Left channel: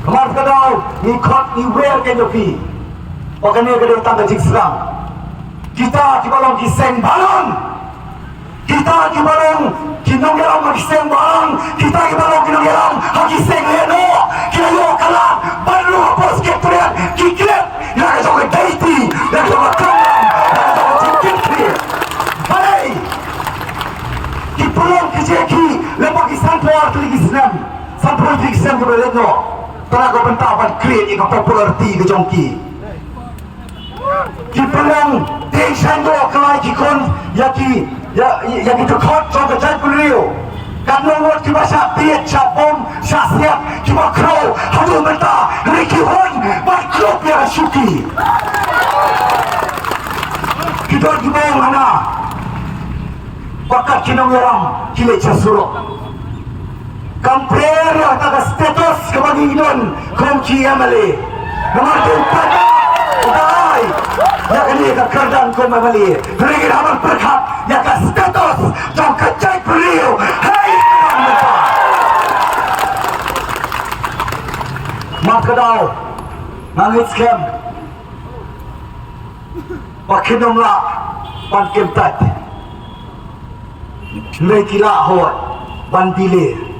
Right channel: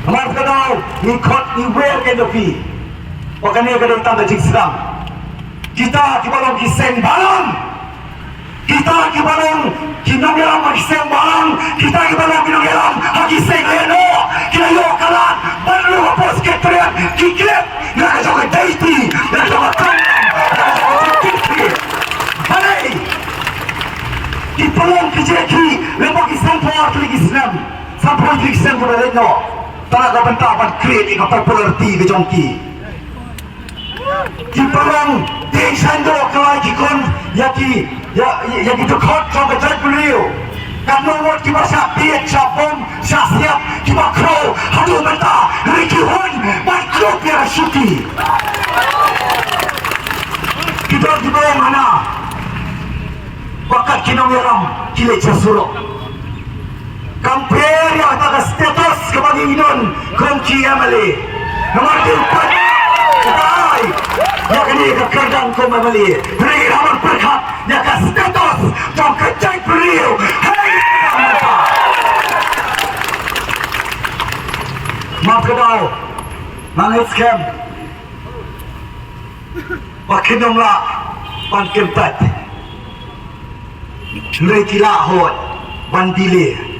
Mas kadang ni kot ni well ke dopi. Pakai ni kadang tangga jik serang. Kita balong kiseng balong. Kita balong kinong yaram kiseng balong. Kita balong kinong yaram kiseng ayano. Kita yo kalah baru apa sekretariat kiklet. Nak joget daiti, nak joget kanan, nak joget kikli. Balai. Di pelong kijeki lepas kisampor tulis Islam. Sampor tulis Islam tu berleno. Tara kau bentapan create ika popularity ke jongki. Di pelong di sando kelai kikon yaki dekot jong kejai beliau. Kamu buat kita siap siapom siap kita crow hadu benta Ricky Hon mat crow biar syuki. Kita di bawah mana? Bakat kinong yaram kile casurok. Compare yang tak status kebagi idon kongki amali. Nomor 4 udah. Ya kini kekerdang kau amali. Beri ramai berkat ya ke status jom kecai beliau. Hey, mak kedau nangis kem. Pakinong la pankem tat. Lekila hot bandile.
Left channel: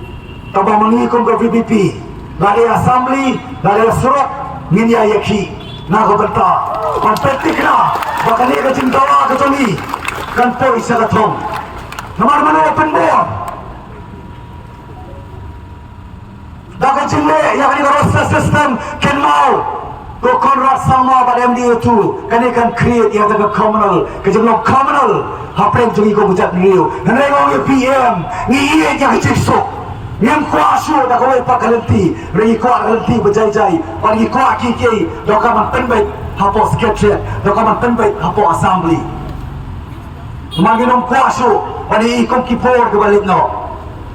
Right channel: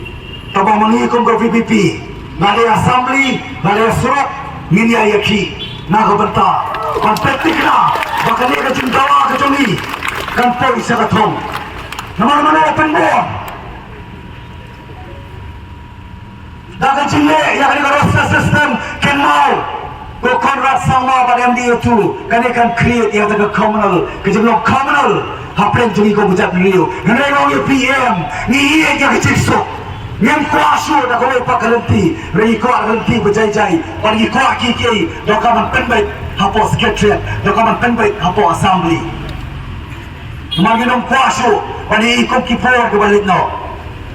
Tabang mengikum ke VPP. Nade assembly, nade surat minya yaki. Naga benta. Kompetik na. Bakal dia kecing dawa kecoli. Kan polis sa katong. Naman open board. Dagan cile yang ini roster system can mau. Ko Conrad sama pada MDA tu. Kan dia kan create yang ada communal. Kecing communal. Hapren jadi ko buat beliau. Nanti orang PM. Ni ia yang kecil sok. Yang kuasa dah kau ipak kerenti, regi kuat kerenti berjai-jai, pergi kuat kiki, dokaman penbaik hapo sekretariat, dokaman penbaik hapo assembly. Manginong kuasa, pergi ikut kipur ke balik no.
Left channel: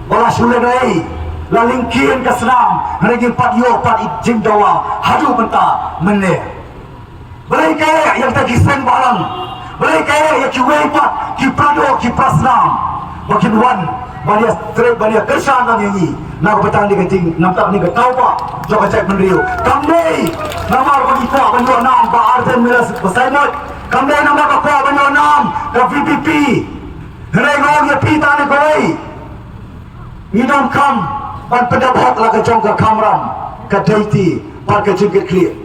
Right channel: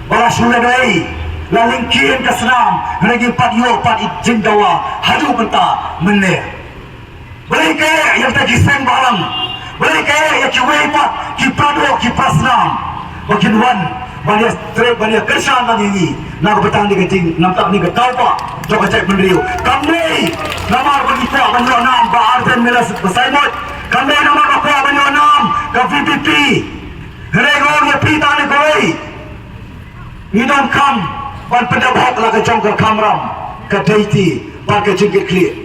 Balas suledai, lalingkin ke senam, regi patio pat izin dawa, hadu benta meneh. Boleh kaya yang tak kiseng barang, boleh kaya yang kiwei pat, kipado, kipasnam, makin wan. Banyak trip banyak kesan lagi ni. Nak petang di kecing, nampak ni ketau pak. Jauh cek beliau. Kami nama bagi pak banyak nam. Pak Arden Milas bersainot. Kami nama pak banyak nam. Ke VPP. Herego dia pita ni koi. Idam kam. Pan pendapat lah ke jong ke kamram. Ke daiti. Pan ke jengkit klik.